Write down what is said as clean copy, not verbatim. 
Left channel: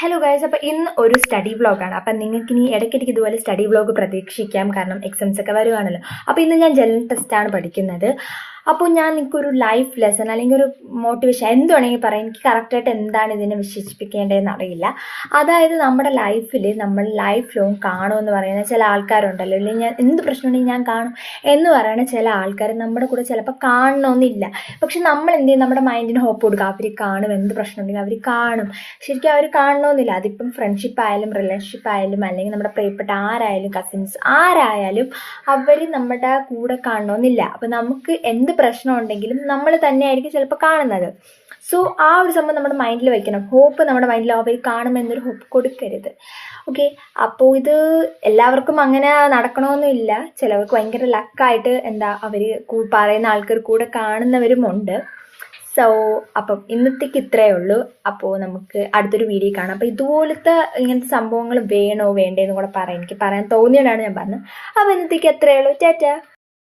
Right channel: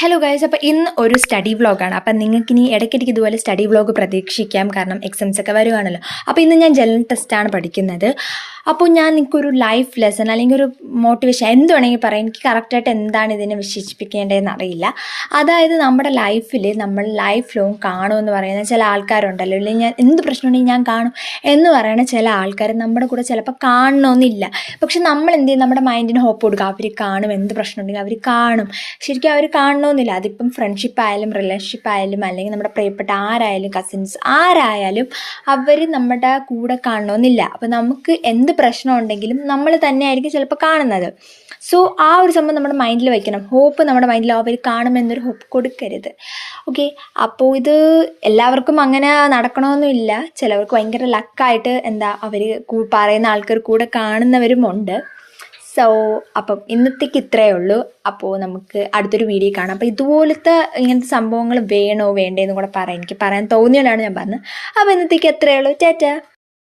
Hello guys, അപ്പോൾ ഇന്ന് ഒരു സ്റ്റഡി വ്ളോഗാണ്. അപ്പം നിങ്ങൾക്കിനി ഇടയ്ക്കിടയ്ക്ക് ഇതുപോലെ സ്റ്റഡി വ്ളോഗ് പ്രതീക്ഷിക്കാം. കാരണം എക്സാംസ് ഒക്കെ വരുവാണല്ലോ. അപ്പോൾ ഇന്ന് ഞാൻ ജനറൽ ടെസ്റ്റാണ് പഠിക്കുന്നത്. അപ്പോൾ ഞാൻ നിങ്ങൾക്കൊരു ലൈഫ് ലെസൺ അല്ലെങ്കിൽ ഒരു മോട്ടിവേഷൻ എന്ത് വേണമെങ്കിൽ പറയാം. എനിക്ക് കറക്റ്റായിട്ട് എന്താണ് ഇതിനെ വിശേഷിപ്പിക്കേണ്ടതെന്ന് അറിയില്ല. അതായത് നമ്മുടെ ലൈഫിൽ നമ്മൾ ലൈഫ് ലോങ് കാണുമെന്ന് പറയുന്ന ചില ആൾക്കാരുണ്ടല്ലോ, അല്ലെങ്കിൽ ഞാൻ എന്ത് പ്രശ്നമുണ്ടെങ്കിൽ ഞാൻ കാണും എന്ന് പറയുന്ന ചില ആൾക്കാർ നമ്മുടെ കൂടെ ചിലപ്പോൾ കാണണമെന്നില്ല. പക്ഷെ നമ്മൾ എന്ത് ചെയ്യും, നമ്മുടെ മൈൻഡിന് ഹോപ്പ് കൊടുക്കുക. അവർ കാണും, എന്ത് പ്രശ്നമുണ്ടെങ്കിൽ അവർ കാണും. ശരിക്കും അവർ കാണണമെന്നില്ല. അതിപ്പം ഫ്രണ്ട്ഷിപ്പ് ആയാലും റിലേഷൻഷിപ്പ് ആയാലും അല്ലെങ്കിൽ നമ്മുടെ പ്രിയപ്പെട്ട ആരായാലും കസിൻസ് ആരായാലും അവർ നമ്മുടെ കൂടെ കാണണമെന്നില്ല. അപ്പോൾ നമുക്ക് എന്ത് പ്രശ്നം ഉണ്ടെങ്കിലും നമ്മൾ തന്നെയായിരിക്കും ചിലപ്പോൾ കാണുന്നത്. സോ ആ ഒരു സംഭവം നമ്മുടെ മൈൻഡിൽ വയ്ക്കണം. ഹോപ്പ് നമ്മുടെ മൈൻഡിൽ അവർ കാണുമെന്നൊരു ഹോപ്പ് കൊടുക്കരുത്. ഓക്കെ, അപ്പോൾ ഇത് എല്ലാവർക്കും അങ്ങനെ നടക്കണമെന്നില്ല. ചിലവർക്ക് ഭയങ്കര ലക്കായിട്ട് അവർ പറയുന്ന ആൾക്കാർ കൂടെ കാണുന്നവരുമുണ്ട്. സോ അപ്പം ഇന്നത്തേക്ക് ഇത്രയേ ഉള്ളൂ. അപ്പോൾ നമുക്ക് അടുത്തൊരു വീഡിയോ കാണാം. അപ്പോൾ ഇതുപോലത്തെ ഇങ്ങനത്തെ സംഭവങ്ങൾ വേണോ വേണ്ടേന്നും കൂടെ പറയാം. എനിക്ക് പറയാൻ തോന്നിയോണ്ടാണ് ഞാൻ പറഞ്ഞത്. അപ്പോൾ ഇന്നത്തേക്ക് എത്രയേ ഉള്ളൂ. ടാറ്റാ.